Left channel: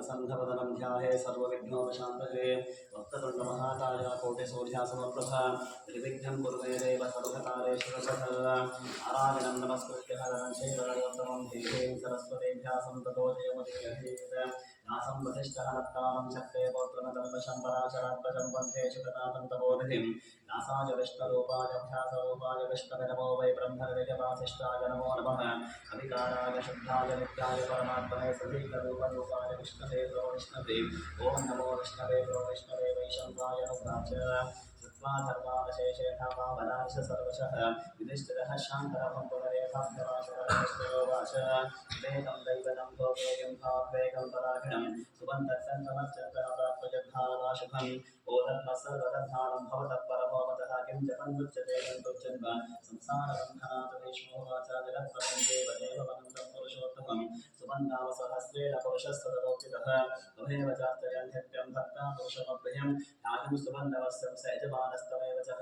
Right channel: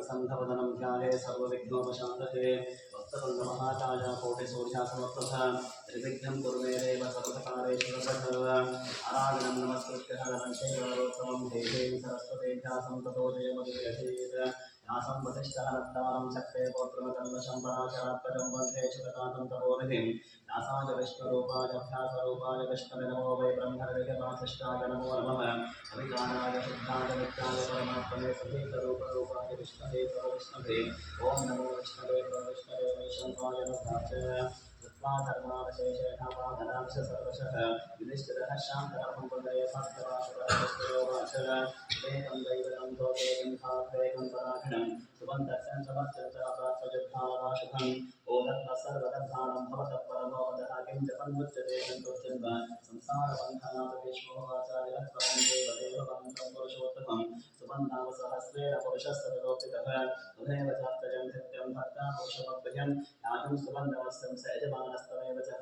प्रसन्नवदनं ध्याये सर्वविघ्नोपशान्तये वक्रतुण्डमहाकाय कोटिसूर्यासमप्रभा त्रिविघ्नं कुर्मे देव सर्वकारेषु सर्वदा आराधनं नमस्कृत्य हरं चैव देवीं सरस्वतीभ्यां ततो जयमुदीरयेत् यासं वसिष्ठहनत्तारं शक्ते पौत्रमतन्वशं पराशरात्मजं वन्दे शुकतातं तपोनिधिं व्यासाय विष्णुरूपाय अभ्यासरूपाय विष्णवे नमो वै ब्रह्मनिधिवासिष्ठाय नमो नमः अविकाराय शुद्धाय नित्याय परमात्मने सतीर्थरूपरूपाय विष्णवे प्रविष्णवे ॐ नमो विष्णवे प्रविष्णवे वैशङ्काय नुग्राच कृत्वा धर्मावशेषेण पावनांश सर्वशः युधिष्ठिरः शान्तरं पुनरेवाभ्यवासुरवाच वेदं दैवतं लोकेयं भावेकं पराखिणं सुबन्धकं समर्चन्तः प्राप्तयुद्धारवाशुभम् ओदत्म सर्वदधानं भवतः परमोदः किं जपन्मुच्यते सन्तुच्छन्व संसारबन्धनात् भीष्मोवाच विरत्वं देवदेववन्तं पुरुषोत्तमं सुबन्धावसहस्रेण पुरुषः सततोऽपितः त्वमेव चार्चयं नित्यं भक्ता पुरुषमभ्यं न्यायं सुबन्धवस्यं स यजमानस्तमेव च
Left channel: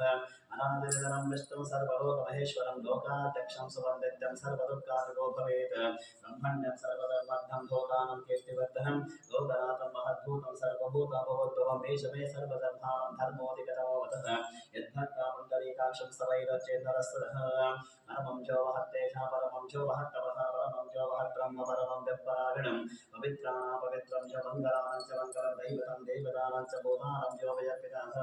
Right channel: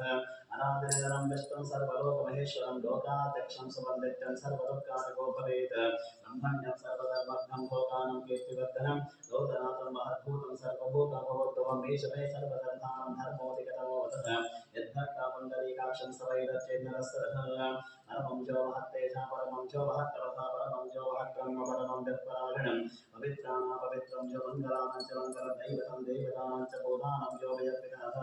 अनादिनिधनं विष्णुं सर्वलोकमहेश्वरं लोकाध्यक्षं सुबन्धित्यं सर्वदुःखादिको भवेत् ब्रह्मण्यं सर्वधर्मघ्नं भोगानं कीर्तिवर्धनं लोकनाथं महद्भूतं सर्वभूताभवोद्भवं मे सर्वधर्माणां धर्मोऽधिगतमोऽवतः यद्भक्ता पुण्डरीकाक्षं सवैरचेन्नरस्तरः परमं जो महत्तेजा परमं जो महत्तपः परमं जो महद्ब्रह्म परमं व्यपरागणं पवित्राणां पवित्रं च मङ्गलानां च मङ्गलं दैवतं देवतानां च भूतानां जो वयपितः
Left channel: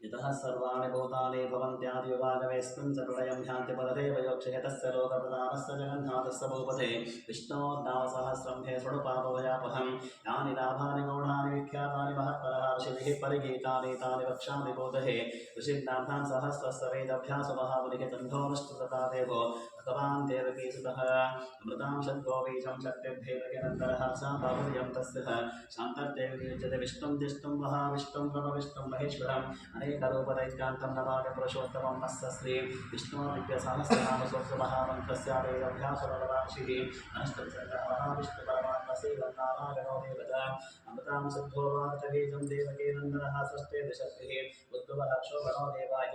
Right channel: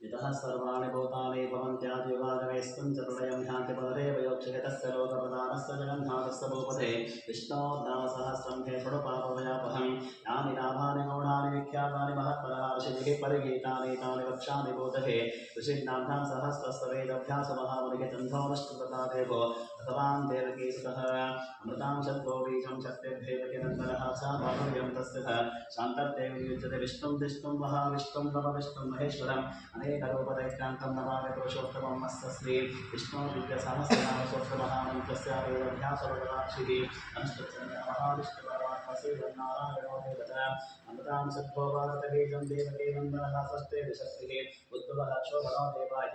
यतः सर्वाणि भूतानि भवन्त्यादियुगागमेस्मिन् च प्रलयं ह्यान्ति पदरेव योक्षये तस्य लोकप्रदानस्य जगन्नाथस्य भूपते विष्णोर्नामसहस्रं हे शृणुपापवयापहं यानि नामानि गौणानि विख्यातानि महत्तरहर्षिभिः परिगीतानि तानि वक्ष्यामि बोधये ऋषिर्नाम्नां सहस्रस्य वेदभ्यासमहामुनिः चन्दोमश्रुतता देवो भगवान् देवकीसुतः अमृतां शद्गोबीजं शक्तिर्भेदकिनन्दरः सा बाहुल्यं तस्य शान्तर्देवी युज्यते विष्णुं जिष्णुं महाविष्णुं नमविष्णुं महेश्वरम् अनेकरूपदैत्यान्तं नमामि पुरुषोत्तमं मत्स्य श्री विष्णो दिव्यसहस्रनामस्तोत्रमहामन्त्रस्य वेदभ्यासवरदाक्षिः अनुष्ठुतमहाविष्णुपरमात्मश्रीवन्नारायणो देवता अमृतां सिद्धो भारतबीजं देवकीनन्दनः षष्ठे दिशक्तिः उद्भवः क्षोभणो देवाय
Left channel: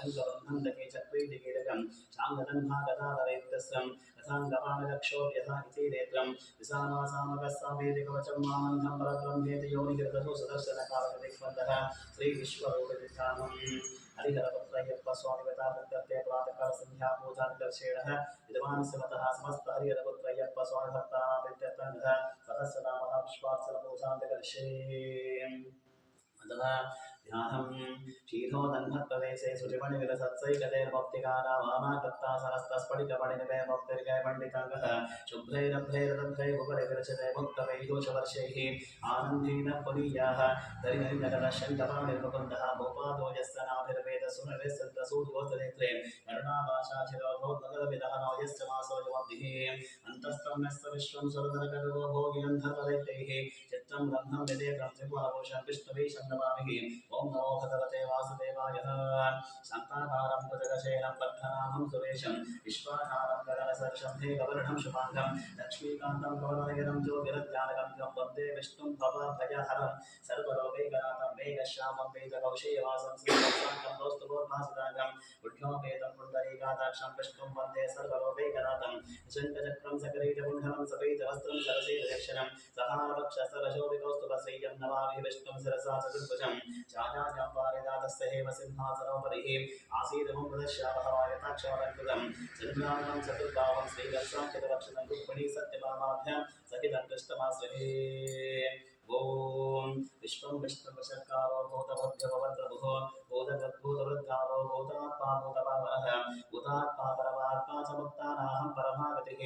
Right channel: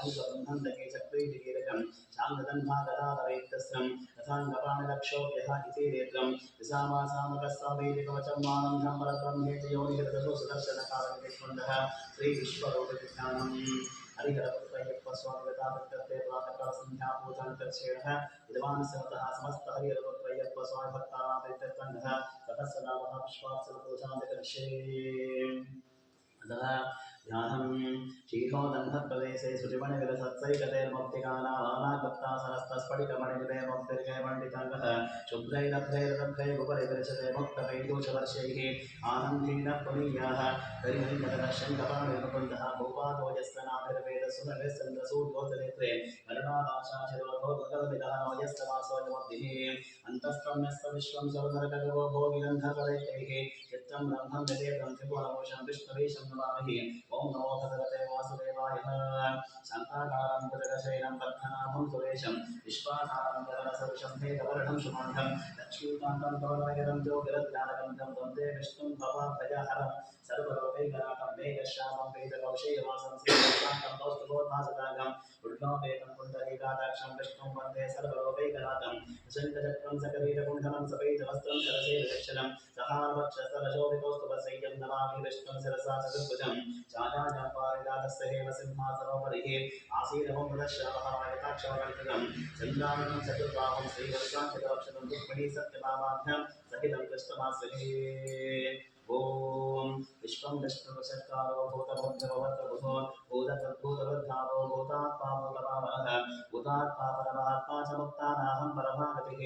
शङ्कबन्धन्दके चक्रीदिकीरकं शाङ्गदन्भागदाधरैत्यस्रं रथाङ्गपाणिलक्षोभ्यः इति नेत्रं विसामासामकस्वामीदिकवचं मामन्धं परब्रह्मेति योनिहृदसु सुदर्शनकालनिधिक्वन्दः श्रीविश्वरूपविख्यानं हरिहरपुत्रय्यप्प स्वामिगताप्रत्यर्थे प्रातःकालसन्ध्या पूजानिदर्शेणः विद्वांस्य मतः समस्त हरिहरपुत्रय्यप्प स्वामिभक्तानां प्रीत्यर्थं ततस्य नामः पुष्पार्चनपूजां अतः ध्यानं शीतोदन्धप्रदेशे शुचिमणिविलसत्सैकतेर्मुक्तिगानावानागत्तासनस्तस्फटिकमणिनिभे शुभ्रैरभ्रैरभ्रैः उपरिविरचते मुक्तवैदूषवर्षैः आनन्देन पुनीयाः हरिहरिनगरः शङ्कपाणिर्मुकुन्दः भूपादो यस्य नाभिर्वेदसुरविश्चन्द्रसूर्योस्तनेत्रे करुणाभाषाशिरोधोद्भगदविदहनो यस्य मासोऽयमब्धिः अन्तस्तम्यस्य विश्वं सुरनरकगवो भोगिगन्धर्वदैत्यैः चित्रं ब्रह्मं निदेतं त्रिभुवनभूषं विष्णुवीशं नमामि ओं नमो भगवते वासुदेवाय शान्ताकारं भुजगशयनं पद्मनाभं सुरेशं विश्वाधारं गगनसदृशं मेघवर्णं शुभाङ्गं लक्ष्मीकान्तं कमलनयनं ज्योतिरध्यानगम्यं वन्दे विष्णुं भवभयहरं सर्वलोकैकनाथं मेघश्यामं वेदकौशेयवासं श्रीशान्तं कौस्तुभोद्भासदागं उड्डोपेतं पुण्डरीकादाक्षं विष्णुं वन्दे सर्वलोकैकनाथं शङ्खचक्रं सकरीरकुण्डलं सपैतवस्त्रं सरसेरक्षणं सहारवक्षसरशोभिकौस्तुभश्रेयं नमामि विष्णुं शिरसा चतुर्भुजं चाचार्यां पारिजातस्य हेम सिंहासनोपरिः आसीनममृतश्यामहवायताक्षमलङ्कृतं चन्द्रामणं चतुर्बाहुं श्रीवत्साङ्कितवक्षतं रुक्मिणी सत्यभामाभ्यां सहितं कृष्णमाश्रये ॐ विश्वं विष्णुवशत्कारो भूतभव्यभवत्रभुः भूतवृद्धारो भूतात्मा भूतपावनः भूतात्मा परमात्मा च मुक्तानाहं परमागतिः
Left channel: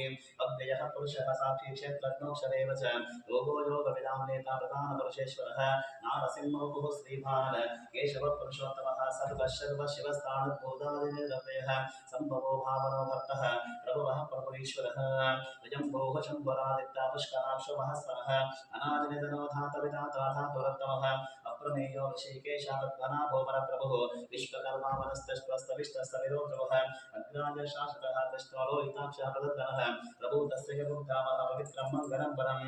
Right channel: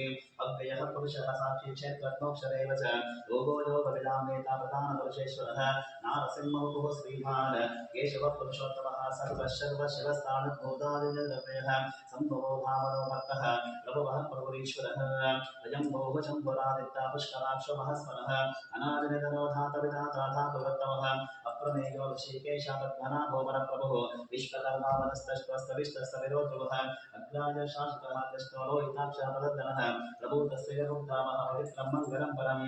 अव्ययः पुरुषः साक्षी क्षेत्रज्ञोऽक्षरेव च योगो योगविदां नेता प्रधानपुरुषेश्वरः नारसिंहमुखुः श्रीभान् केशवः पुरुषोत्तमः सर्वशिवस्तानुद्भूतादिनिर्व्ययः सम्भवो भावनो भक्तः प्रभुवः प्रभुरीश्वरः अयम्भोः शम्भुरादित्या पुष्कराक्षो महस्वरः अनादिनिधनो धातविधाता धातुरत्तमः अप्रमेयो ऋषिकेशापद्मनाभो परप्रभुः विश्वकर्मा वनस्तश्वस्तविष्टस्तविरोध्रुवः अग्राज शासकः कृष्णो लोहिताक्षः प्रदर्दनः प्रभूतस्य मुग्धामः पवित्रं मङ्गलं परम्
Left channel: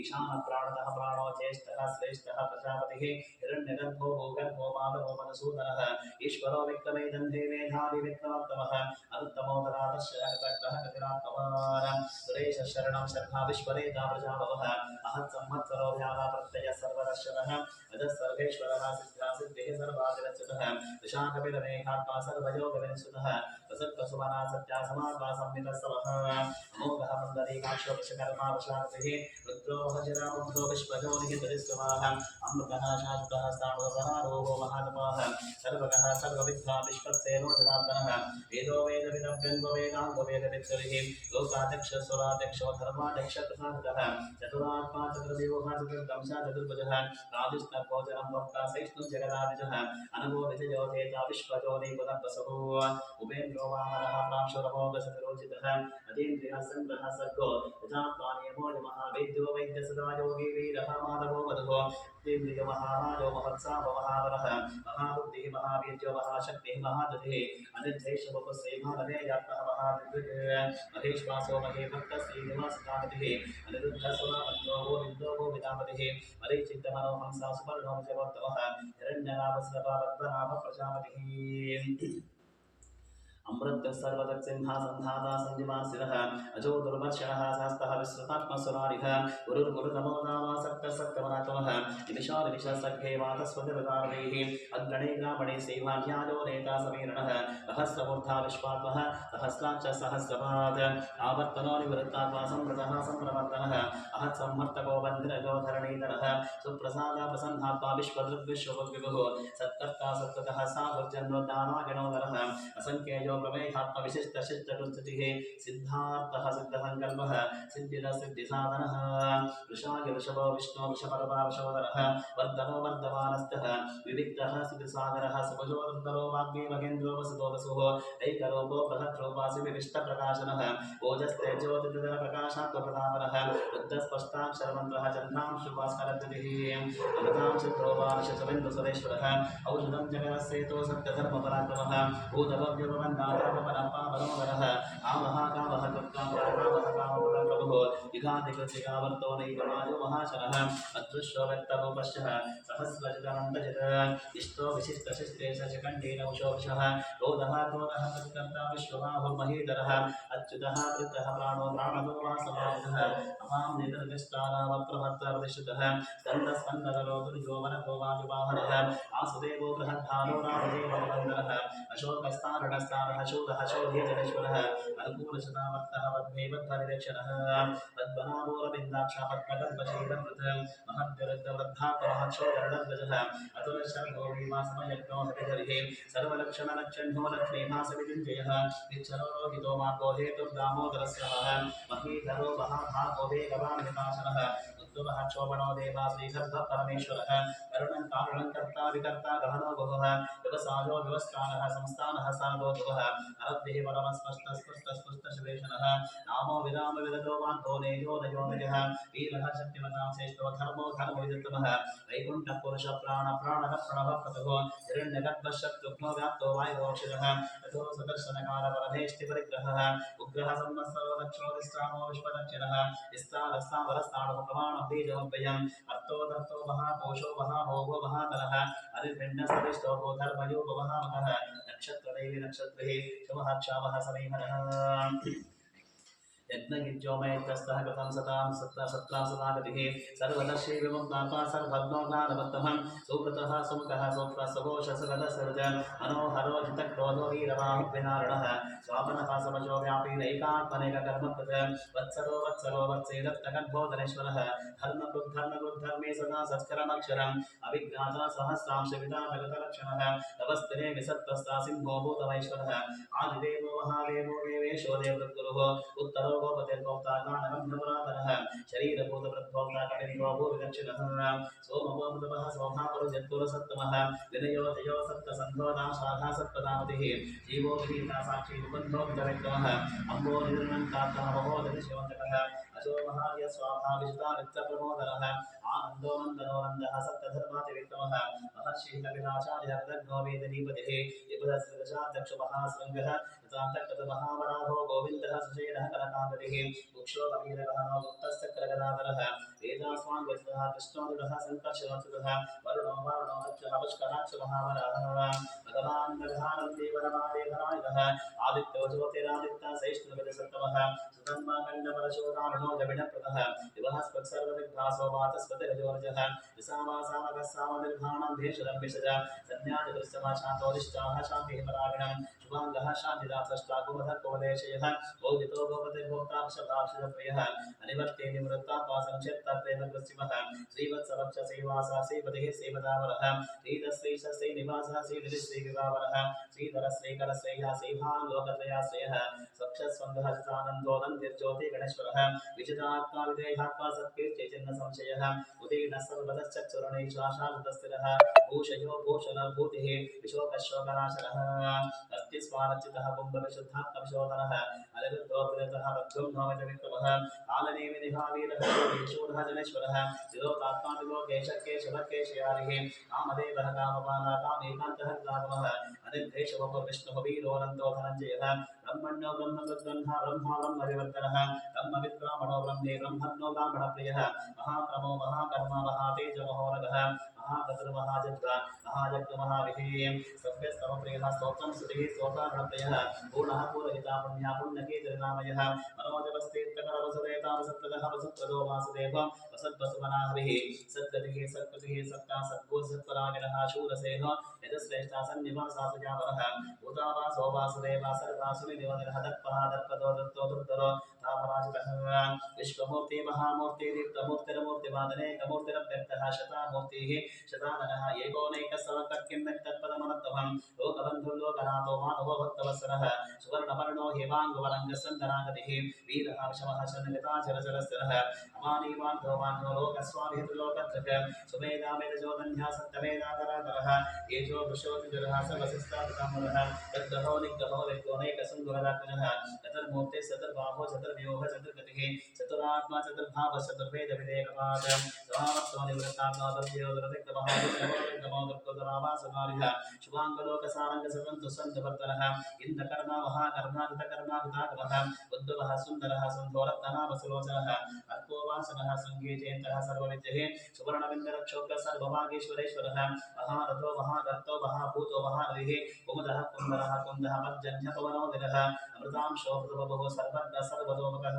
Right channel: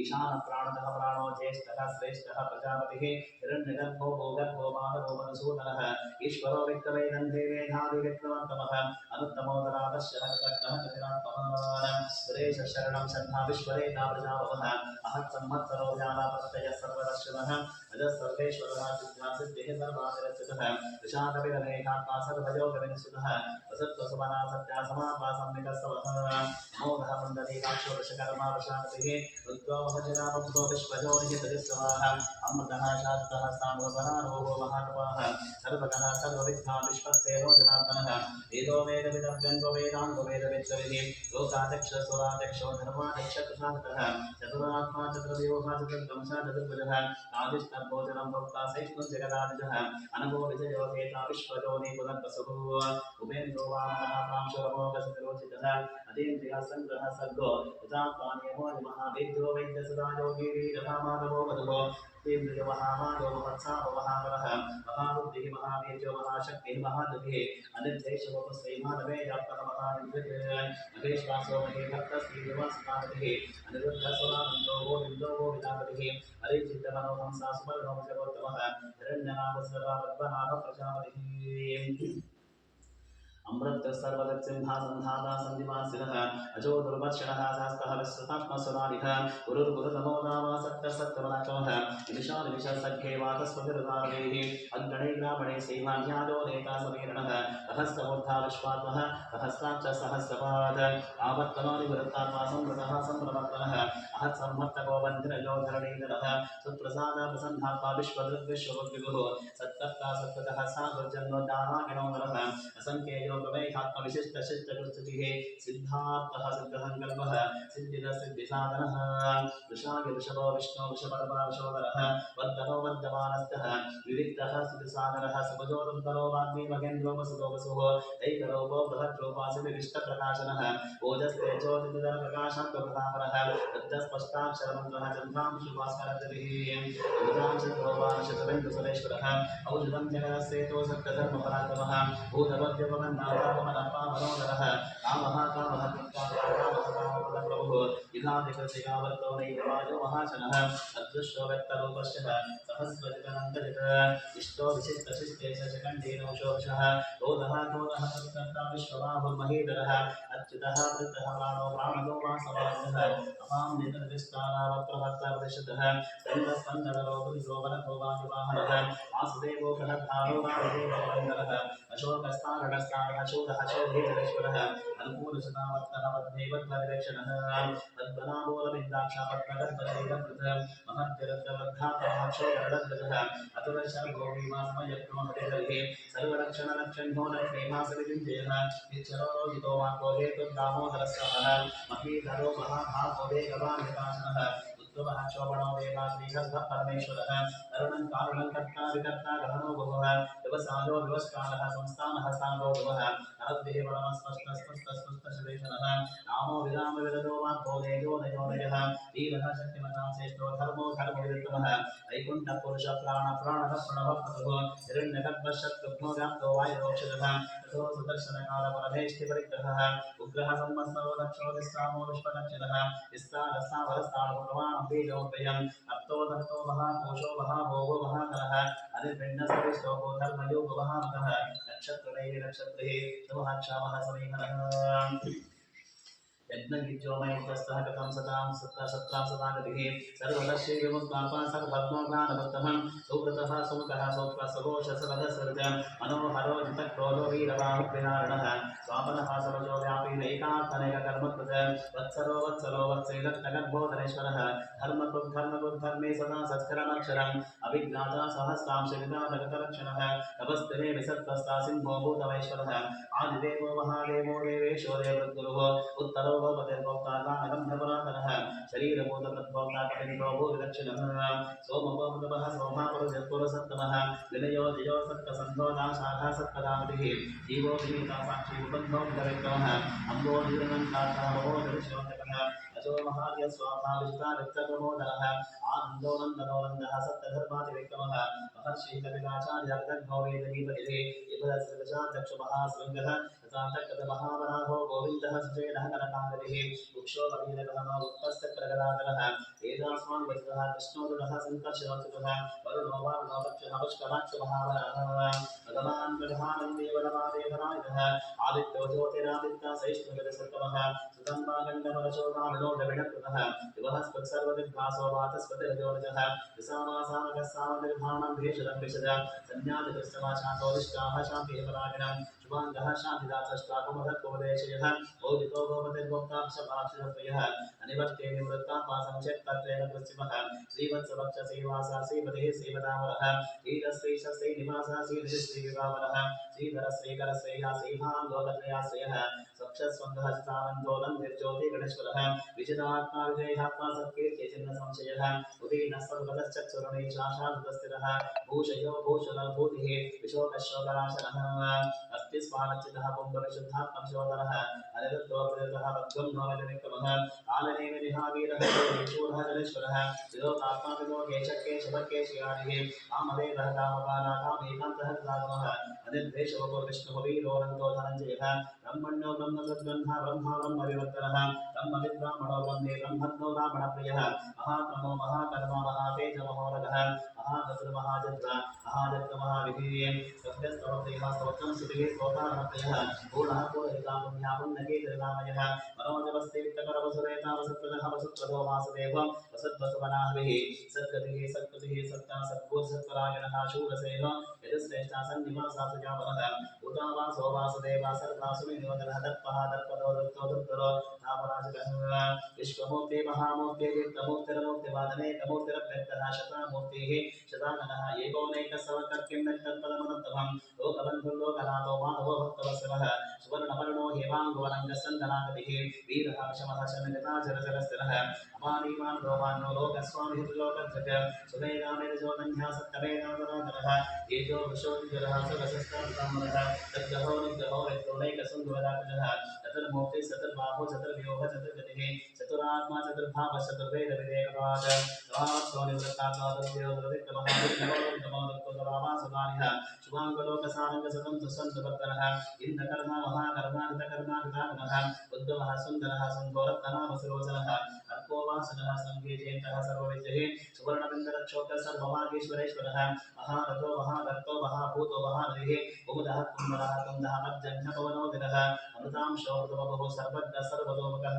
ईशान प्राणतः प्राणो ज्येष्ठः श्रेष्ठः प्रजापतिः हिरण्यगर्भो भूगर्भो माधवो मधुसूदनः ईश्वरो विक्रमेदन्ते मेधावी विक्रमोत्तमः अनुत्तमोदरादर्शः कृतज्ञः कृतिरात्मवान् सुरेशः शरणं शर्मा विश्वरेता प्रजावः अहत् संवत्सरो व्यापाप्रत्ययः सर्वदर्शनः अजः सर्वेश्वरः सिद्धा सिद्धिः सर्वादिरच्युतः विशाखपिरमेघात्मा सर्वयोगविनिसुतः वसत्वसुमना सत्या समात्मा संवितस्सवः अमोघः पुण्डरीकाक्षो वृषकर्मा वृषापतिः रुद्रो महजिरामब्धो विश्वजोनिः तजिस्वाः अमृतः शाश्वतः स्थाणुवसनारोहो महातपाः सर्वगः सर्वविद्वान् विश्वक्सेनो जनार्दनः वेदो वेदविदं गङ्गो वेदाङ्गो वेदविद्गविः लोकाध्यक्षस्वराध्यक्षो धर्माध्यक्षकृशान्तः चतुरात्मा चतुर्देवः चतुर्दंशः चतुर्भुजः राधिष्णभोजनं भक्ता सहिष्णुं जगदादिजः अनघो विजयो धेता विश्वजोनि पुनर्वसुः उपेन्द्रो वामनः प्रांशुरमोघसतिरोचितः अतीन्द्रियः सङ्ग्रहः सर्गो यथात्मानियमो यमः वैद्यो वैद्यसदा योगी वीरः माधवो वधुः तीन्द्रियो महामादो महत्साहो महावरः महाबुद्धिः महावीर्यो महाशक्तिः महादधिः अनिर्देशवपुस्त्रैमानवे जातः महाविद्वित् महेश्वासो महेभक्तश्रीनिवासकामतिः अनिरुद्धस्वरानन्दो गोविन्दो गोविदापतिः मरीचित्तमनोहंसा सुवर्णो जगोत्तमः हिरण्यनाभस्रवावद्वनाभ प्रजापतिः अमृत सर्वदत्सिंहासन्धाता सञ्जीवासिनः अजो दुर्वर्षणः शास्तः विश्रुतात्मसुरारिः गुरुर्गुरुतमो नामासक्तः सत्यवनाचमः निमिषानिमिषसख्ये वातस्वतिरुदारैः अग्गणे ग्रामणे सेवाध्यायो नेता समीरणः सहस्रमूर्धा विश्वात्मः सहस्राक्ष सहस्रपाद आवर्तनो निवृत्तात्मा संवृतः संप्रवर्तनः अहत् संवर्तको बन्धनजो धरणीधरः सुप्रसाद प्रसन्नात्मा विश्वदृग्विश्वविभुः सत्तर्ता सत्ततः सागुर्जन्मोद्दानागिणो नरः असङ्ख्येयो प्रमेयात्मविशिष्टशिष्टकृतिः सिद्धार्थः सिद्धसङ्कल्पः सिद्धिदः सिद्धिसाधनः वृषागि वृषभो विष्णो वृषपर्वा वृषोदरः वर्धनो वर्धमानस्तः विविक्तः सिद्धिसागरः सुभजो दुर्धरो वाग्मी महेन्द्रो वसुतो वसुः ऐकरूपो बृहद्रूपासि विविष्टप्रकाशनः ओजस्तेजोतितरप्रकाशात्मप्रतापरः बुद्धस्पष्टाक्षरमन्त्रः चन्द्रांशुभास्करद्युतिः अमृतांशुध्रुवांशचबिन्दुसुरेश्वरः औषधं जगदस्येतो सत्यधर्मपराक्रमः भूतभव्यपवन्नाथापमनप्पा कामः कामः कृत्कामः कामप्रभुः युगाधिकृतिकावर्तो नैकवायो महाशनः अदृश्यो व्यक्तरूपश्चः सहस्रजितनन्दजित इष्टो विशिष्टशिष्टे शशकण्डेन उषोषः क्रोधः क्रोधः तत्कर्ता विश्वबाहुर्महीधरः अच्युतः वृत्तः प्राणो प्राणदो वासवायुधः अपां नितर्दिष्टारावप्रभक्तप्रतिष्ठितः स्कन्दस्कन्दकरो दुर्यो वनतो वायुवाहनः वासुदेवो बृहद्भानो रामदेवो वन्दनः अशोकस्तारणस्तारः शूरः शोधेश्वरः अनुकूलशतावर्तः पद्मेवद्भरिदक्षिणः पद्मनाभोरविन्दाक्षा पद्मगर्भशीलकृत महद्विरुद्धवृद्धात्महक्षोगरडध्वजः अतुलशर्भो हरिहरिः सर्वलक्षणलक्षण्यो लक्ष्मीभासविजुञ्जयः निच्छरो रोहितो मार्गो हेतुर्दामोदरस्रवः महीधरो महाभागो वेगवान् विकासनः उत्तमः क्षोभणो देवा श्रीगर्भः परमेश्वरः करुणं कारुणं कर्ता विकर्ता गहनो बहुः व्यवसायो व्यवस्कारः संस्थानः स्थानो ध्रुवः अरब्धिः परमस्पष्टस्पष्टस्पष्टशुलेशनः नामो विराम विरदो वाक्को नेजो नजो नजः वीरः शक्तिमतां श्रेष्ठो धर्मो धर्मविदुत्तमः वैकुण्ठः पुरुषः प्राणः प्रणवः क्रतुः हिरण्यगर्भः शत्रुघ्नो व्याप्तो वायुरोक्षजः ततो सुदर्शनकालपरमेष्टिपरिग्रहः उग्रः संवत्सरो लक्षोदिस्रामो विश्वदक्षिणः विस्तारस्तावरस्ताणुः प्रमाणं बीजमव्ययम् अर्थो धर्तो महाकोशो महाभोगो महाकलः अरिर्भिन्नस्तविष्टो धर्मयोगो महामकः नक्षत्रैः नक्षत्रैः शुभः क्षामः समीहरः यज्ञयुज्योमयज्ञस्तः कृतं सत्रां सदागतिः सर्वदर्शी विमुक्तात्मा सर्वभग्नोज्ञानभक्तः सुकृतः सुमुखः सौक्ष्मसघोषसरदसर्ज मनोहरो जितक्रोधो वीरबाहुर्विनारणः स्वापनः समजो व्यापी नैकात्मनेककर्मकृत वत्सरो वत्सरो वत्सैदत्तगर्भोधरेश्वरः धर्मकृद्धर्मे सदा सत्करमक्षरम् अभिज्ञाता सहस्रांशवितानगतलक्षणः तपस्तिने विसत्तस्ता सिंहो भूतमैश्वरः आदिदेवो महादेवो देवेशो देवृद्गुरुः उत्तरो गोपतिर्भोक्ता गानगम्यपुरातनः शरीरभूतप्रद्भोक्ता कटिन्द्रो भूविदक्षिणः सोमभोमृतपः सोमापरुजत्पुरसत्तमः विनयो जयो सत्तसन्धो नाशाखा सत्पदापतिः जीवो विनीता साक्षी मुकुन्दो विदविक्रमः अम्बो निर्णङ्कार्थः महोदरिशोचकः अजो महार्य स्वाहा विजिता वित्तप्रमोदनः आनन्दो नन्दनो नन्दः सप्तधर्मातिविक्रमः महर्षिः कपिलाचार्यः कृतघ्नो वेदनीपतिः विपुलस्कृतशादक्षुमहाशृङ्गः तथान्तकृतमहावराहो गोविन्दः सुषेणः कनकाङ्गतिः वृक्षो कवीरगहनो गुप्तश्चक्रगदाधरः वेदास्मान् वज्रः कृष्णोदुरः सङ्कर्षणोच्युतः वरुणो वारुणो रक्षः पुष्कराक्षमहावरः भगवान् प्रधानन्दे वनमादेवनायकः आदित्यो ज्योतिरादित्य सहिष्णुगजसत्तमः सुतन्मागण्डपरशोधारणो दविणकृतः दिवः स्पत्सर्वदिग्भासो वातस्पतिरजोरजः विसामासानकः सामनिर्भाणं भेषजं विशज संज्ञातकृष्टमाशान्तोदिष्टाः शान्तिः परागिणम् शुभाङ्गः शान्तिदासष्टाकुमधकुपदेशयः भोगितो भवतिर्भोक्ताक्षभाक्षितत्वयः अनिवर्ते निवृत्तात्मा संक्षेप्तत्वेन कृत्सिमः श्रीवत्सवक्षसेवासा श्रीपतिः श्रीपदावरः श्रीरश्रीशस्त्री निवासः श्रीनिधिः श्रीविवावरः श्रीधरश्रीकरश्रेयः श्रीभान् लोकत्रयाश्रयः सक्षस्वन्दः चितानन्दोदन्तिर्ज्योति गणेश्वरः विजितात्मा विधेयात्मा सत्कीर्ति चिन्ह संशयः उदीर्णः सर्वतश्चक्षुरणैशाशादस्थिरः भूषयो भूषणभूतिः विशोकशोकनाशनः अस्ति स्वानच्युतः पुंगविशुद्धात्मविशोधनः अनिरुद्धो प्रदतः बद्धं नोमितविक्रमः कालनेमिनिहावीरः शूरः जनेश्वरः चिरोतात्माविलोकेशकेशवकेशयादिः कामदेवः कामपाला कामेकान्तः राघवः अनिर्देशवपुर्विष्णुः वीरोऽनन्तो धनञ्जयः ब्रह्मण्यो ब्रह्मकृद्ब्रह्मा ब्रह्मा ब्रह्मविवर्तनः ब्रह्मविद्ब्राह्मणो ब्रह्मे ब्रह्मज्ञो ब्राह्मणप्रियः महाक्रमो महाकर्मा महातेजमहोरगः महागतुर्महाजद्र महाजग्महाविधेयः सभ्यस्तवप्रियः स्तोत्रं स्तुतिः स्तोतारणप्रियः पूर्णः पूरहिता पुण्या पुण्यकीर्तिर्नामयः मनोजवस्तीर्थकरवसुरेता वसत्प्रदः वसुप्रदो वासुदेव वसद्वसुवनाहविः सद्गतिः सत्कृतिः सत्ता सद्भूसत्परागिणः शूरसेन यजश्रेष्ठा सन्निवासा सुजावरः भूतावासो वासुदेवा सर्वासुनिनिवदनः दत्पः दत्पदो दत्तो दुर्धरो तापराजितः विश्वमूर्ति महामूर्ति दीप्तमूर्तिरमूर्तिवादने कमूर्तिरव्यक्तः शतामूर्तिः शताननः एकोनैकसवकर्किं लोकबन्धुर्लोकनाथो माधवो भक्तवत्सलः सुवर्णवर्णो हेमाङ्गुवरङ्गसन्दनागतिः वीरः वशमः शनगताचरचरस्थिरः अमानीवान्धोमान्यो लोकस्वामिः त्रिलोकधृक् सुमेधामेधजोदन्या सप्तमेधाधराधरः एजो वृषोतिजरः सर्वशस्त्रापितामहः तद्ग्रहो निग्रहो विद्योनैकसुन्दररात्मजः चतुर्मूर्तिः चतुर्बाहो चतुर्व्यूह चतुर्गतिः चतुरात्मा चतुर्भावः चतुर्वेदविदेकपाद समावत्सो निवृत्तात्मा तद्देवदतिक्रमः शुभाङ्गलोकसारङ्गसतन्तु सन्तवर्तनः इन्द्रकर्मा महाकर्माकृतकर्माकृतागमः उद्भवः सुन्दरः सन्धोरत्तनामसुलोचनः अर्कोवासनः सङ्गीचेतः सर्वविद्यः सुवर्णबिन्दरक्षोक्तः सर्वभागेश्वरेश्वरः महारथो महागर्तो महाभूतो महानदिः कुमुदः कुन्दरः कुन्दः मज्जन्यपवनोदिरः अमृतांशो मृतवपुः सर्वज्ञः सर्वतोमुखः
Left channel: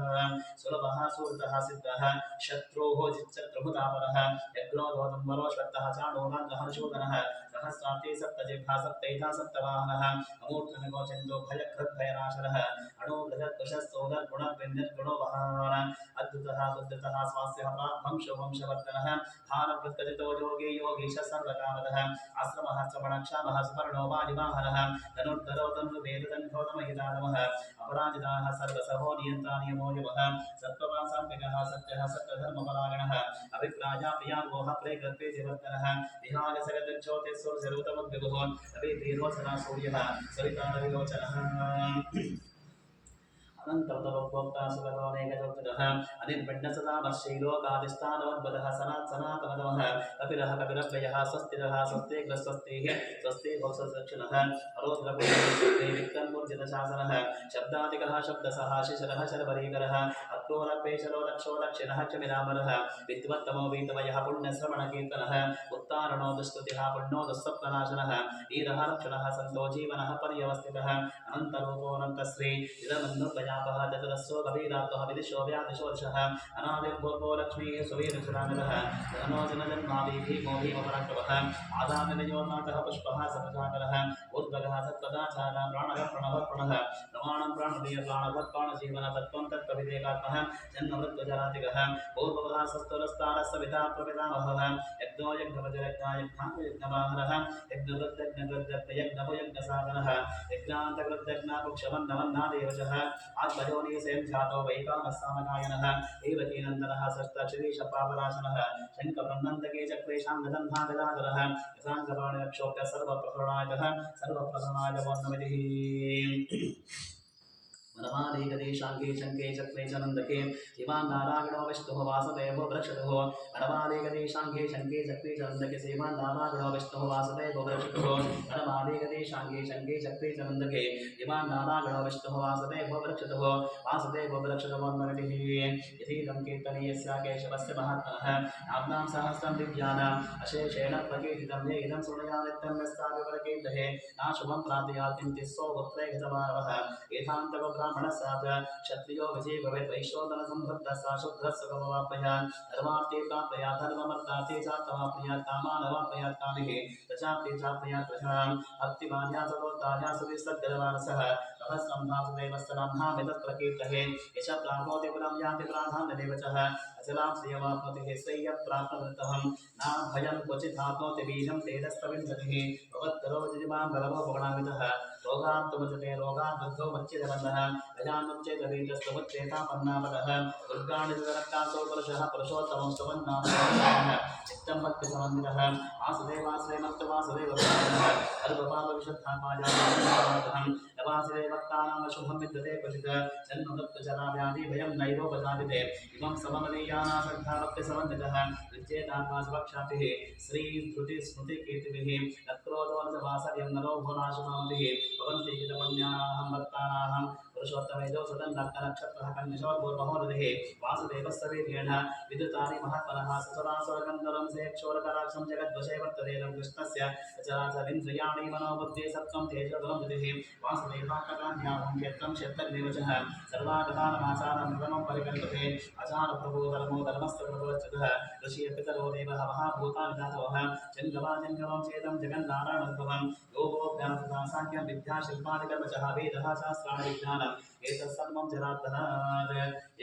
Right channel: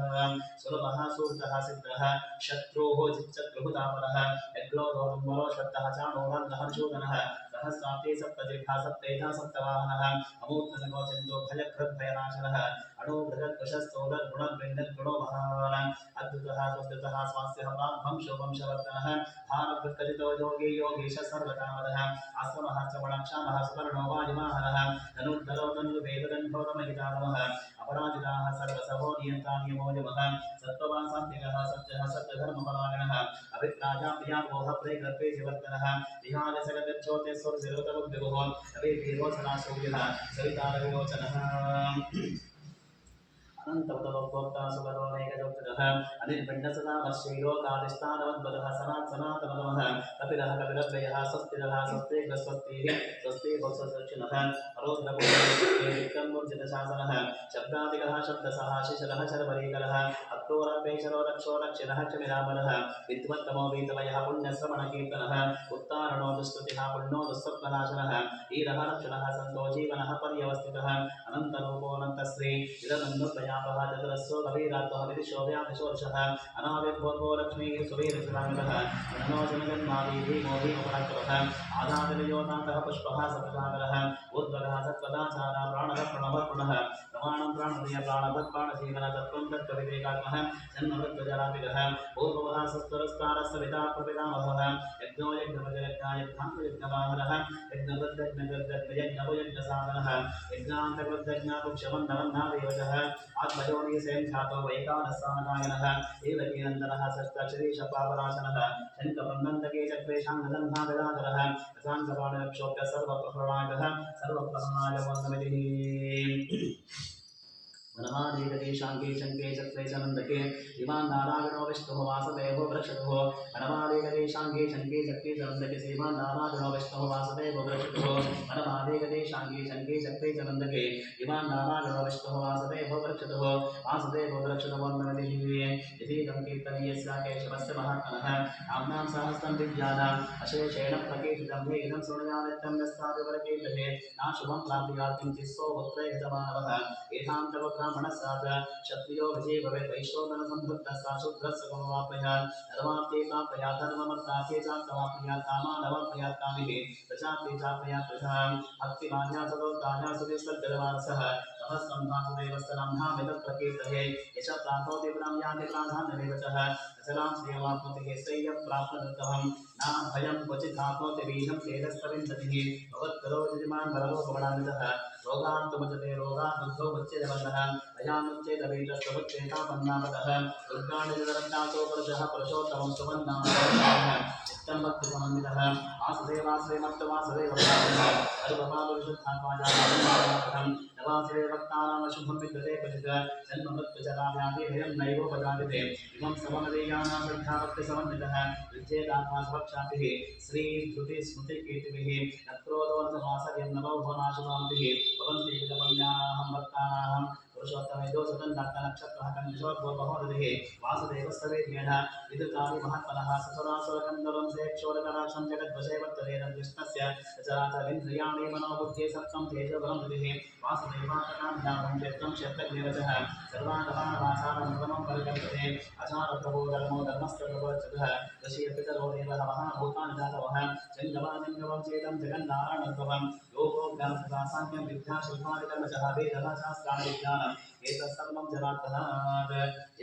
सुलभः सुहृतः सिद्धः शत्रुः जिच्चत्रुः तापरः यज्ञोदोदम्बरो श्वत्तः चाणोरङ्गहर्षोदनः सहस्राब्दे सप्तजिह्वा सप्तैधा सप्तवाहनः अमूर्तनगोचन्दो भयकृद्भयनाशनः अणुभृगत्कुशस्तोदर्गुणर्विन्दर्गुणो महान् अद्भुतः सुधृतः स्वास्यः प्राग्भंशो वंशवर्धनः भारभृत्कजितो योगी योगीश सर्वकामदः आश्रमः श्रवणक्षामः सुपर्णो वायुवाहनः धनुर्धरो धनुर्वेददण्डोदमहितानमः अपराजिताः सर्वसहो नियन्ता नियमो यमः सत्त्ववासात्मिकः सत्यः सत्यधर्मपरायणः अभिप्राया प्रियार्वोः प्रेगत्वे जिवर्तनः विहारसगतज्योतिस्वरसरुतमुद्विगुः अभिवीरोचना सूर्यः सवितारविलोचनः अनन्तवतभोक्ता सुगतोनेकजोक्तजः अनिर्पिण्डसदामर्षैलोकादिष्टानवद्वदः सनातनतमः कपिलः कपिलव्ययः स्वस्तिरः स्वस्तिग्रस्वस्तिः स्वस्ति भोक्सदक्षिणः अरोद्रपुण्यविक्रमूर्जितशासनः शब्दादिकः शब्दसः शिशरः शर्वरीकरः अक्रोरपेशरो रक्षो दक्षिणः क्षमिरामरः विद्वत्तमो वीतमयः पुण्यश्रवणकीर्तनः उत्तारणो दुष्कृतिः पुण्यो दुःस्वप्ननाशनः वीरः रक्षणः सन्तो जीवनः पर्यवस्थितः अनन्तरूपोऽनन्तश्री इदमन्नुपयापः चतुरस्सो कबीरात्वः विदिशो व्याधिशोर्षः अनादिर्भोर्भो लक्ष्मीः सुवीरसुराङ्गतः जननो जनजन्मादि भीमो भीमपराक्रमः आधारनियोनाथः पुष्पः सप्रजाकरः ऊर्ध्वगः सत्पदाचारः प्राणः प्रणवः प्रमाणं प्राणप्रिय प्राणभत् प्राणजीवन तत्त्वं तत्त्वविवेकात्मः जन्ममृत्युजरातिगः पूर्ववः सस्तुरस्तारः सविता प्रपितामहः यज्ञो यज्ञपतिरज्ञायज्ञाङ्गयज्ञवाहनः यज्ञवृद्धज्ञवृद्धज्ञयज्ञसाधनः यज्ञान्तकृद्धज्ञापुक्षमन्नवन्नादेवशः आत्मयोनिसें ध्यातो वैकानस्सामगायनः एवकीनन्दनः षष्ठक्षिरीशपापनाशनः शङ्खप्रन्नन्दके चक्रेशाङ्गदन्भागदाधरः रसाङ्गपाणिरक्षोभ्य सर्वप्रहरणायः सर्वप्रहरणाय वन्दमितिः वनमालिकदेशाङ्गे शङ्के चक्रे च नन्दके इमान् नारायणो विष्णुः वासुदेवो वृक्षतुः वनमालिकदेशाङ्गे शङ्के चक्रे च नन्दके श्रीमान् नारायणो विष्णुः वासुदेवो वृक्षतुः वनमालिकदेशाङ्गे शङ्के चक्रे च नन्दके इमान् नारायणो विष्णुः वासुदेवो वृक्षतुः वासुदेवो वृक्षतमोन्नमतिः यथीदं कीर्तनीयस्य केशवस्य महात्मनः नाम्नां सहस्रं दिव्यानाम् अशेषेण प्रकीर्तितं ये इदं शृणुयानित्यं यस्यापि परकीर्तये नाशुभं प्राप्नुयात् किञ्चित् पुत्रे गतमानवः एतान्तको ब्राह्मणस्यात् क्षत्रियो विजयी भवेत् वैश्वोदनसम्भृद्धः शूद्रः सुखमवाप्नुयात् धर्मार्थे प्राप्नुयात् धर्ममर्थार्थे चार्थमाप्नुयात् कामानवाप्नुयात् कामिः प्रजाप्ते चाप्नुयात् प्रजां भक्तिमान्या सदोत्तान्या सुविसर्गमानसः सहस्रं वासुदेवस्य नाम्नामिदं प्रकीर्तये यश प्राप्नोति पुरं यान्ति प्राधान्यमेव च अचलां श्रियमाप्नोति श्रेयः प्राप्नोत्यहं नाम भयं क्वचिदाप्नोति बीजं तेजस्तविन्दतिः भवत्करो यजमान् बलवो भवनामितः रोगान्तमुच्यते रोगात् बुद्धो मुच्यते बन्धः भयान्मुच्येतवीतस्तमुच्येतापन्नापदः दुर्गाणिजरन्तासो पुरुषः पुरुषोत्तमं सुवन्नामः नित्यं भक्तिसमन्वितः वासुदेवाश्रयमत्तु सर्वपापविशुद्धात्माजातं नवासिदेवक्तानां शुभं विद्यते क्वचित् जन्ममृत्युजराव्याधि भयं नैवोपजायते इमं सममदीयाना श्रद्धाभक्तिसमन्वितः विद्येतात्मा सुभक्षातिः श्रीधृतिस्मृतिकीर्तिभिः नक्रोधो न वासर्यं नरो भुवनाशुभान्तिः भवन्ति विदमन्यानाहं भक्तानाहं पुरुषोत्तमेदो सदन्नक्षत्रः कन्यशोर्भोर्महोदधिः वासुदेवस्य वीर्येण विद्युतानि महात्मनः ससुरासुरकन्दरं सेक्षोरकराक्षं जगद्वशे वर्ततेदं कृष्णस्य सचराचरिन्द्रियाणि मनोबुद्धि सप्तं तेजोबलं बुद्धिः वासुदेवात्मकान्ध्याहं क्षेत्रं क्षेत्रज्ञेव च सर्वागतानमाचारं प्रथमं परिकल्पते आचारप्रभो धर्मो धर्मस्य प्रभवच्युतः ऋषियपितरो देवः महाभूतानि जातवः जङ्गमाजङ्गमं चेदं जगन्नारायणोद्भवं योगो ज्ञानतथा साङ्ख्यं विद्याशिल्पादिकर्मचः वेदः शास्त्राणि विज्ञानम् एतत्सर्वं जनार्दनात्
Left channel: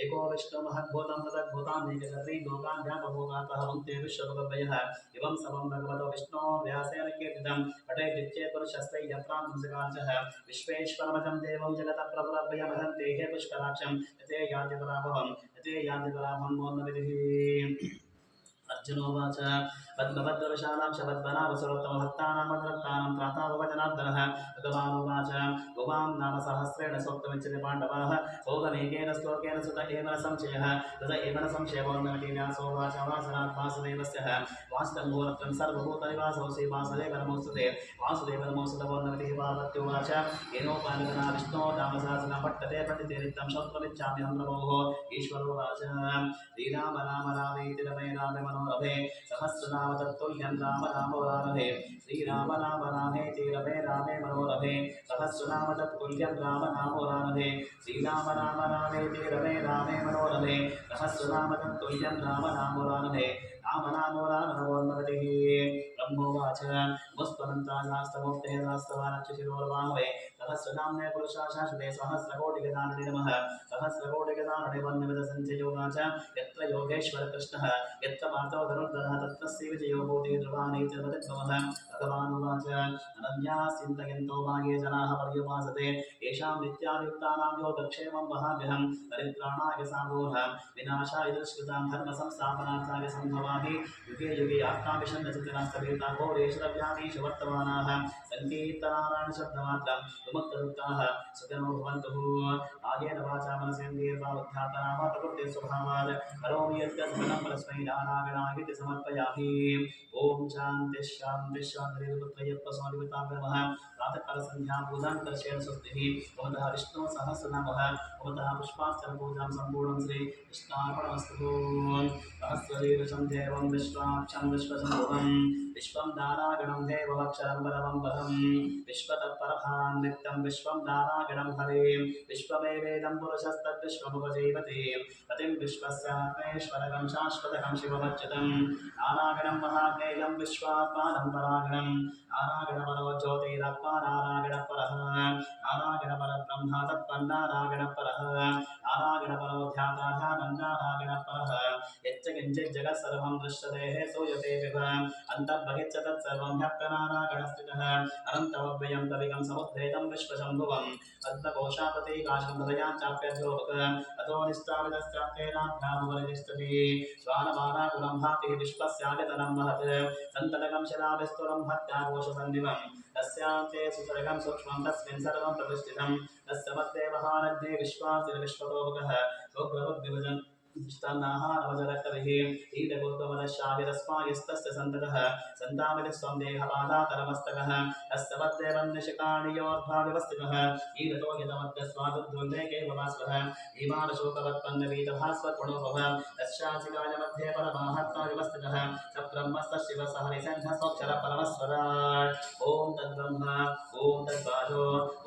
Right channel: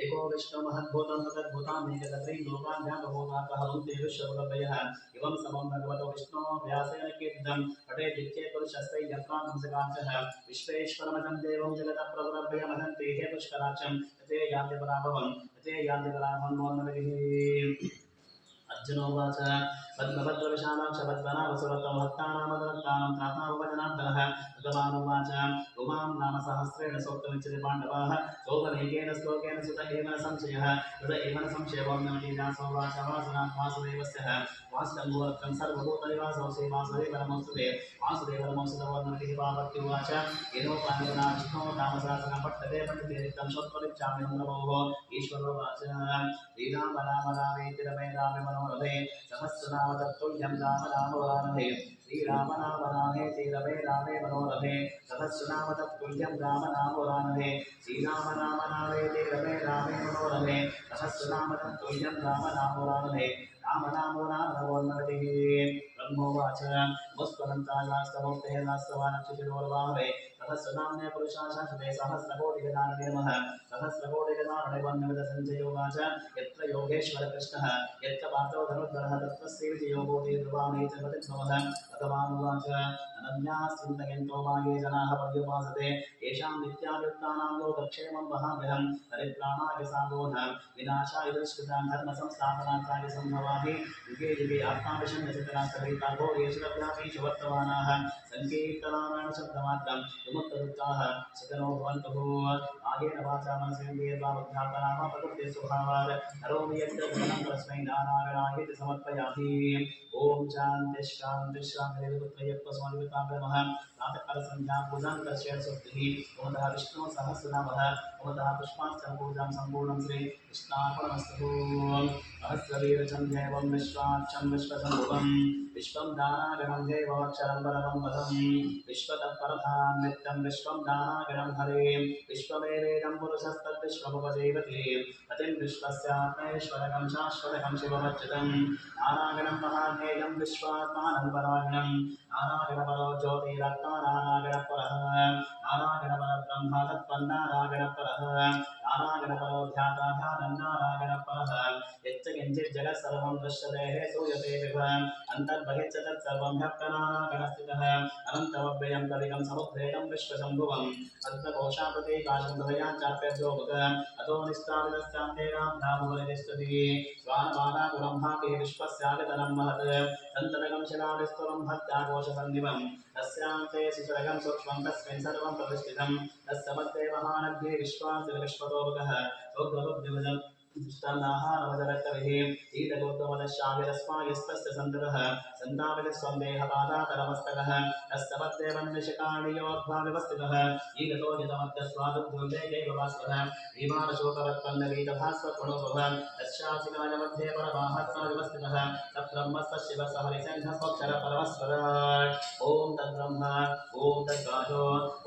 एको विष्णु महद्भूतं तदद्भुतान्येकत्रीं लोकान् व्यापभूतातः भुङ्क्ते विश्वभगवयः इवं समं भगवतो विष्णो व्यासेन कीर्तितं पठेद्विच्चेत् पुरुषस्ते यत्रांसकांशः विश्वेश्वरमजं देवं जगतः प्रभुरभयमहन्ते हे पुष्कराक्षं यते यान्ति पराभवं यते यान्ति पराभवं मोन्नविधिः अर्जुनोवाच पद्मभद्रविशालां शबद्वनावसुरत्तमभक्तानां मदरक्तानां त्रातावचनार्दनः भगवानुवाच उमां नाम सहस्रेण सोक्तमुच्यते पाण्डवाः सोऽनेकेन श्लोकेन सुत एव न संशयः तत एव न संशयवोन्नमति व्यासोवाच वासनात् वासुदेवस्य वासितं गोरत्रं सर्वभूतनिवासोऽसि वासुदेव नमोऽस्तुते वासुदेव नमोऽस्तुतवोन्नमतिः पार्वत्युवाच येनोपानगना विष्णो नामसहस्रं पठ्यते पठितेरिक्तं श्रोत्रमिच्छाम्यहं नमोः ईश्वरोवाच श्रीराम राम रामेति रमे रामे मनोरमे सहस्रनाम तत्तुल्यं राम राम वरानहे श्रीराम राम रामेति रमे रामे मनोरमे सहस्रनाम तत्तुल्यं राम राम वरानहे श्रीराम राम रामेति रमे रामे मनोरमे सहस्रनाम तत्तुल्यं राम राम वरानहे राम नामो राम नमोन्नमतिः ब्रह्मोवाच मुस्त्वनन्ताशास्त्रमूर्तेः सहस्रवानक्षशिरोर्वाहवे सहस्रनाम्ने पुरुषा शाश्वते सहस्रकोटिगदानने नमः सहस्रकोटिगदानने वर्णविदसञ्चयोगाच यत्र योगेश्वर कृष्णः यत्र पार्थो धनुर्धरः तत्र श्रीविजयो भूति ध्रुवाणि च वदद्भवः भगवानुवाच अनन्याश्चिन्तयन्तो मागे जनाः पर्युपासते येषां नित्यायुक्तानां योगक्षेमं वहाम्यहं परित्राणाय साधूनां विनाशाय दुष्कृतां धर्मसंस्थापनार्थाय सम्भवामि युगे युगे आत्माभिषण्यचितनास्तभेताघोरेश्वरव्यामीषु वर्तमानाः सङ्कीर्तनारायणशब्दमात्रं विमुक्तदुःखाः सुखिनो भवन्तु आयेन वाचा मनसेन्द्रियर्वा बुद्ध्यात्मना वा प्रकृतिस्वभावात् करोमि यद्यद् परस्मै नारायणायेति समर्पयामि ओम शांति शांति शांति पुत्रयप्पस्वामितां नमः प्रातःकालसन्ध्यां पूजां दर्शयन् स्वस्तिः भवतः विष्णु सहस्रनामः भवतः पुष्पार्चन पूजां सम्पूर्णं श्री कृष्णार्पणमस्तु सहस्रवीरचं देवं विश्वाक्षं विश्वसम्भुवं विश्वं दानागणं देवमक्षरं परमं पदं विश्वतत्परभां नित्यं विश्वं दानागणं हरे विश्वमेवेदं पुरुषस्तद्विश्वमुपजीवति पतिं विश्वस्यात्मेश्वरकं शाश्वतकं शिवमच्युतं नारायणं महाज्ञेयं विश्वात्मानं परायणं नारायणपरो ज्योतिरत्मा नारायणपरः नारायणपरब्रह्म तत्पन्नारायणपरः नारायणपरो ध्याता ध्यानं नारायणपरः यच्च किञ्चित् जगत् सर्वं दृश्यते सूयते विभ अन्तर्बहिश्च तत्सर्वं ह्यप्तनारायणस्थितः अनन्तमव्ययं कविकं समुद्रेतं विश्वशम्भुवम् अद्भकोशाप्रतीकाशं हृदयां चाप्यध्योमुख अतो निष्ठाविदश्चान्तेनाभ्यामुपरितिष्ठति स्वानमानाकुलं भाति विश्वस्यागतनं महत् सन्ततकं शिलाविस्तुरं भक्त्याघोषसन्निवं तस्यान्ते शिशरकं सूक्ष्मं तस्मिन् सर्वं प्रतिष्ठितं तस्य मध्ये महानग्ने विश्वासिन विश्वतोमुखः उग्रवद्विभजन् निष्ठानाहारवजरक्तविः ईदगोत्वमदशाविरस्मायस्तस्य सन्ततः सन्ताविलिस्वं देहपादातरमस्तकः तस्य पद्देवन्निशिकाणियोद्भाविवस्थितः ईदतो यतमद्यस्वादुद्वन्द्वेकेव भास्वरः भीमानशोकवत्पन्नवीतभास्वत्पुणोपभ तस्यासिकाय मध्ये परमात्माविवस्थितः तब्रह्मस्य शिवसः निषेधस्वक्षरपरमस्वराट् ॐ तद्ब्रह्म ॐ तद्वाचो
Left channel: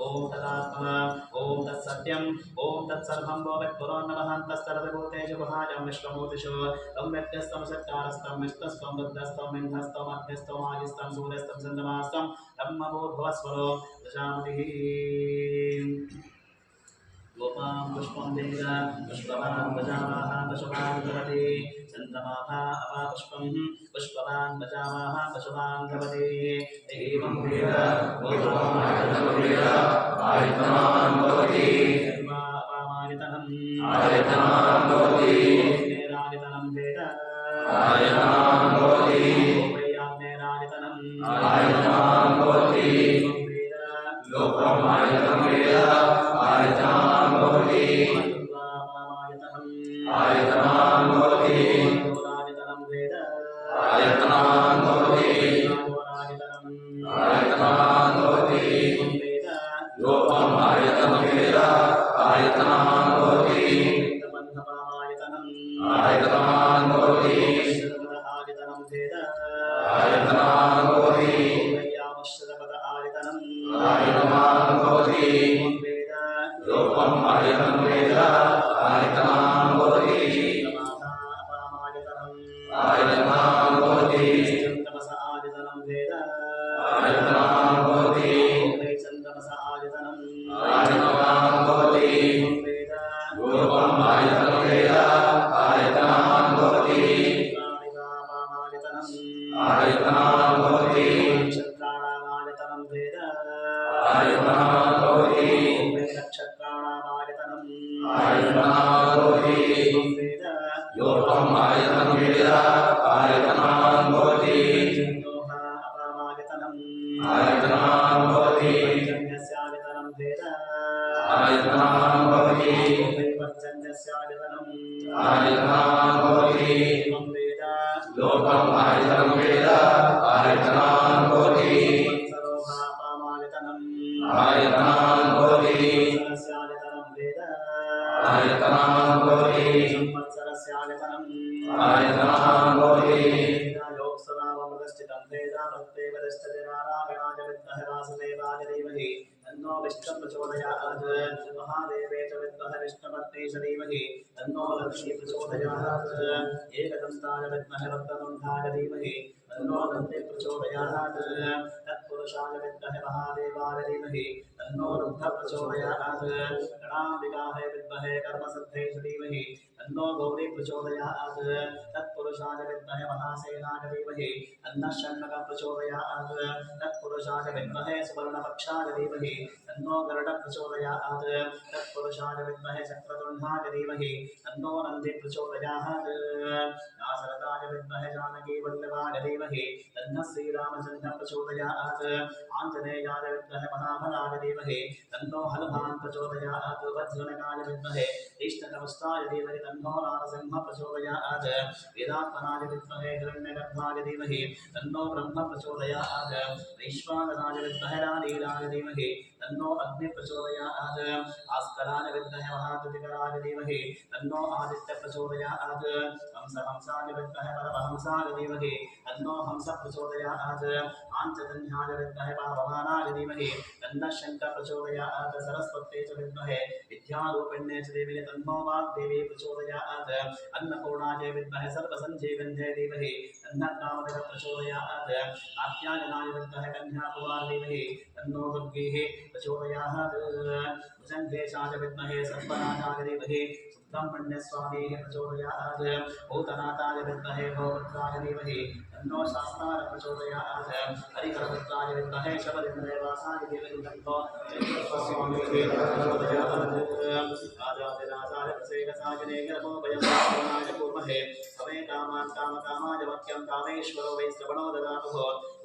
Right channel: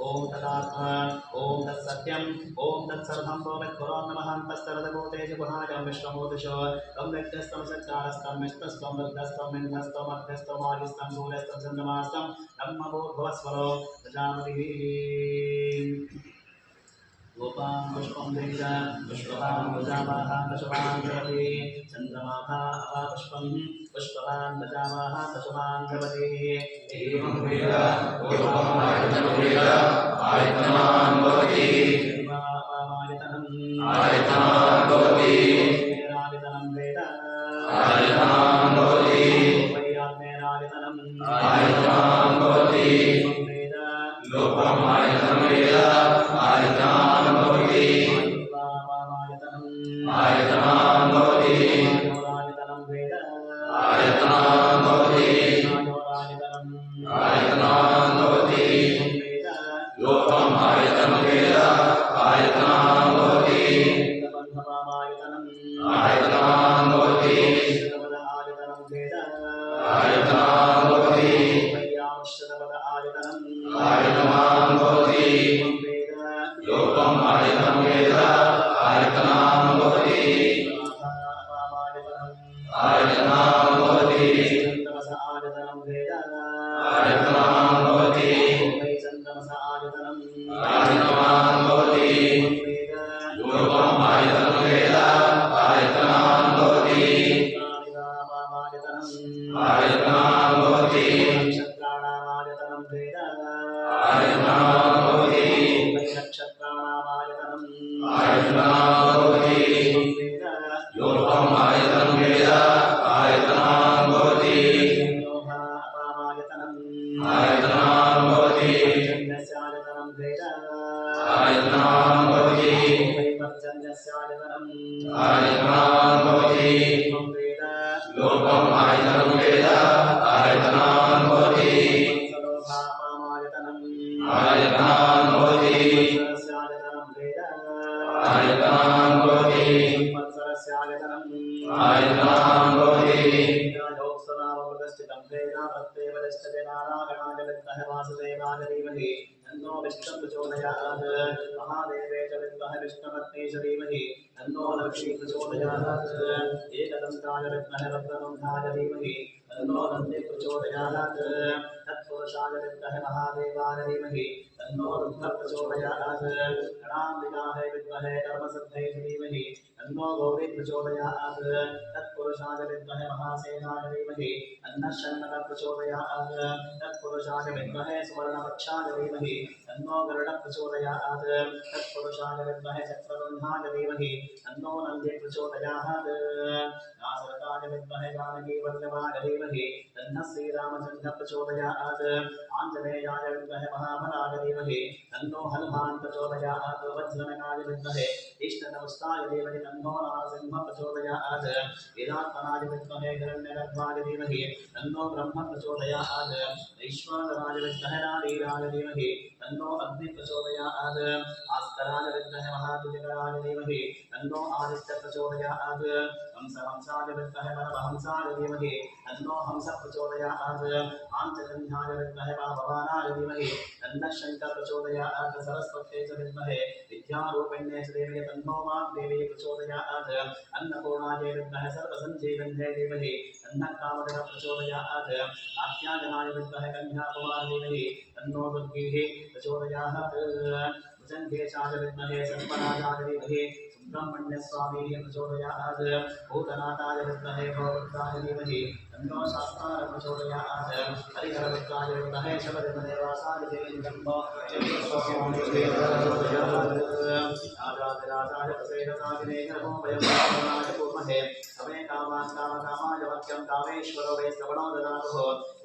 ॐ तदात्मा ॐ तत्सत्यम् ॐ तत्सर्वं वो वित्पुरोन्नमहन्तस्तरदभूतेषु गुहाजं विश्वमूर्तिषु तं व्यक्त्यस्तं सत्कारस्तं विष्णुस्तं रुद्रस्तं इन्द्रस्तं अग्निस्तं आदिस्तं सूर्यस्तं चन्द्रमास्तं ब्रह्मभूर्भुवस्वरो प्रजापतिः गोपां पुष्पं वेद पुष्पवान् प्रजावाः पशुवान् भवति चन्द्रमाभा अपापुष्पं पुष्पवान् प्रजावाः पशुवान् भवति एवं वेद गोपां आयतनान् भवति आयतनान् भवति नेरायतनं वेद आयतनान् भवति वैयाग्नेरायतनं आयतनान् भवति वेद लोकम् आयतनं वेद आयतनान् भवति आयतनान् भवति आयतनं वेद आयतनान् भवति आयतनान् भवति वेद लोकम् आयतनं वेद आयतनान् भवति आयतनान् भवति आयतनं वेद आयतनान् भवति आयतनान् भवति वेद लोकम् आयतनं वेद आयतनान् भवति आयतनान् भवति आयतनान् वेद आयतनान् भवति आयतनान् भवति वेद लोकम् आयतनं वेद आयतनान् भवति आयतनान् भवति नक्षत्राणामायतनं वेद आयतनान् भवति नक्षत्राणामायतनं आयतनान् भवति वेद लोकम् आयतनं वेद आयतनान् भवति आयतनान् भवति पर्जन्यस्यायतनं वेद आयतनान् भवति पर्जन्यस्यायतनं आयतनान् भवति वेद लोकम् आयतनं वेद आयतनान् भवति आयतनान् भवति वेद आयतनान् भवति आयतनान् भवति वासुदेवाय धीमहि तन्नो विष्णुः प्रचोदयात् महादेवे च विद्महे विष्णुपत्नी च धीमहि तन्नो लक्ष्मी प्रचोदयात् एकदन्ताय विद्महे वक्रतुण्डाय धीमहि तन्नो दन्ती प्रचोदयात् तत्पुरुषाय विद्महे महादेवाय धीमहि तन्नो रुद्रः प्रचोदयात् गणाम्बिकायै विद्महे कर्मसिद्ध्यै च धीमहि तन्नो गौरी प्रचोदयात् तत्पुरुषाय विद्महे महासेनाय धीमहि तन्नः षण्मुखः प्रचोदयात् तत्पुरुषाय विद्महे सुवर्णपक्षाय धीमहि तन्नो गरुडः प्रचोदयात् तत्पुरुषाय विद्महे चक्रतुण्डाय धीमहि तन्नो नन्दी प्रचोदयात् नासरताय विद्महे जानकीवल्लभाय धीमहि तन्नः श्रीरामचन्द्रः प्रचोदयात् आञ्जनेयाय विद्महे महाबलाय धीमहि तन्नो हनुमान् प्रचोदयात् वज्रनकाय विद्महे तीक्ष्णतमस्ताय धीमहि तन्नो नारसिंहः प्रचोदयात् वेदात्मनाय विद्महे हिरण्यगर्भाय धीमहि तन्नो ब्रह्म प्रचोदयात् वैश्वानराय विद्महे नारीराय धीमहि तन्नो अग्नि प्रचोदयात् भास्कराय विद्महे महाद्युतिकराय धीमहि तन्नो आदित्य प्रचोदयात् हंसाय विद्महे परमहंसाय धीमहि तन्नो हंस प्रचोदयात् आञ्चजन्याय विद्महे भवानाय धीमहि तन्नः शङ्कर प्रचोदयात् सरस्वत्यै च विद्महे विद्यारूपिण्यै च देवी तन्नो वाग्देवी प्रचोदयात् अन्नपूर्णायै विद्महे सर्वसञ्जीविन्यै धीमहि तन्नः कामधेनः प्रचोदयात् कात्यायनाय विद्महे कन्याकुमारी धीमहि तन्नो दुर्गेः प्रचोदयात् भुजङ्गेशाय विद्महे सर्वनाशाय धीमहि सुब्रह्मण्यस्वामीः प्रचोदयात् भूतनाथाय विद्महे भवरुद्राय धीमहि तन्नो शास्त्राय प्रचोदयात् हरिहरपुत्राय विद्महे शबरिमलेवासाय धीमहि तन्नो चन्द्रस्वामीः प्रचोदयात् राजाधिराजाय प्रसेदसायिने नमोभयं पूर्महे समे कामान् कामकामाय वक्यं कामेश्वरो वै श्रवणो ददातुः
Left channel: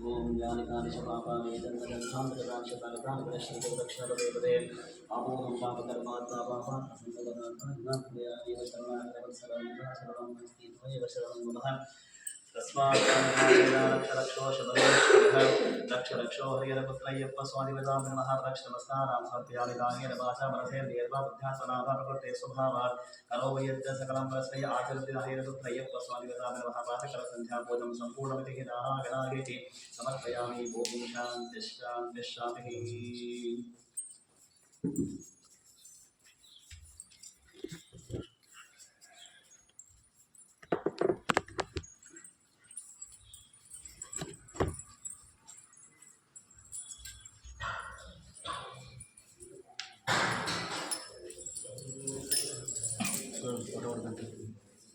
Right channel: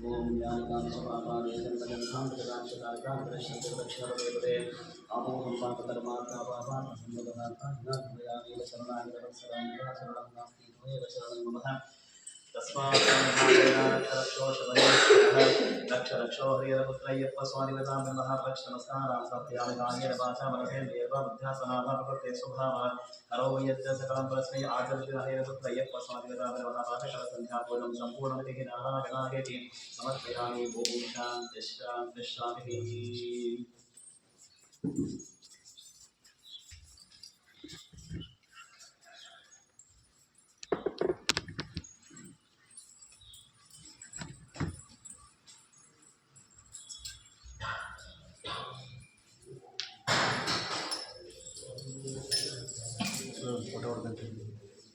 ಓಂ ಯಾನಿಕಾನಿ ಪಾಪಾನಿ ಜನ್ಮಜನ್ಮಾಂತರಾಕ್ಷತಾನಿ ಪ್ರದರ್ಶನತೆ ದಕ್ಷಿಣಪದೇ ಅಮೋಹಂ ಪಾಪಕರ್ಮಾತ್ಮ ಪಾಪಾತ್ಮ ಸಂಗತನಾತ್ಮ ಶರಣಾಗತ ವತ್ಸರಾಂಗ ಶರಣಂ ನಾಸ್ತಿ ತ್ವಮೇವ ಶರಣಂ ಮಮಃ ತಸ್ಮಾತ್ ರಕ್ಷೋ ಶಬರೀಶ್ವರಃ ರಕ್ಷ ರಕ್ಷೋ ಹರಿಹರಪುತ್ರಯ್ಯಪ್ಪ ಸ್ವಾಮಿವತಾಂ ನಮಃ ರಕ್ಷ ನಮಸ್ಕಾರಾಂ ಸಮರ್ಪಯಾಮಿ ಕಾಯೇನ ವಾಚಾ ಮನಸೇಂದ್ರಿಯರ್ವಾ ಬುದ್ಧ್ಯಾತ್ಮನಾಭ ಪ್ರಕೃತೆ ಸ್ವಭಾವಾತ್ ಕರೋಮಿ ಯಜ್ಜ ಸಕಲಂ ಪರಸ್ಮೈ ಆಚರಿಸಿದ ಹರಿಹರಪುತ್ರಯ್ಯಪ್ಪ ಸ್ವಾಮಿವತಾಂ ನಮಃ ಪ್ರಾತಃಕಾಲ ಸಂಧ್ಯಾಪೂಜಂ ಸಂಪೂರ್ಣಮಿತಿ ನಾರಾಯಣಾಯೇತಿ ಸಮರ್ಪಯಾಮಿ ಓಂ ಶಾಂತಿ ಶಾಂತಿ ಶಾಂತಿ.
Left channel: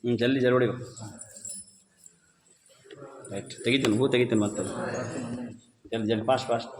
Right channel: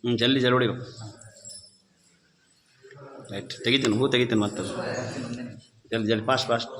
ಜಲ್ದಿ ಜಲ್ದಿ ರೈಟ್ ತೆಗಿತೀನಿ ಹೂ ತೆಗಿತೀನಿ ಮತ್ತೆ ಜಲ್ದಿ ಜಲ್ದಿ ಫಾಸ್ಟ್ ಫಾಸ್ಟ್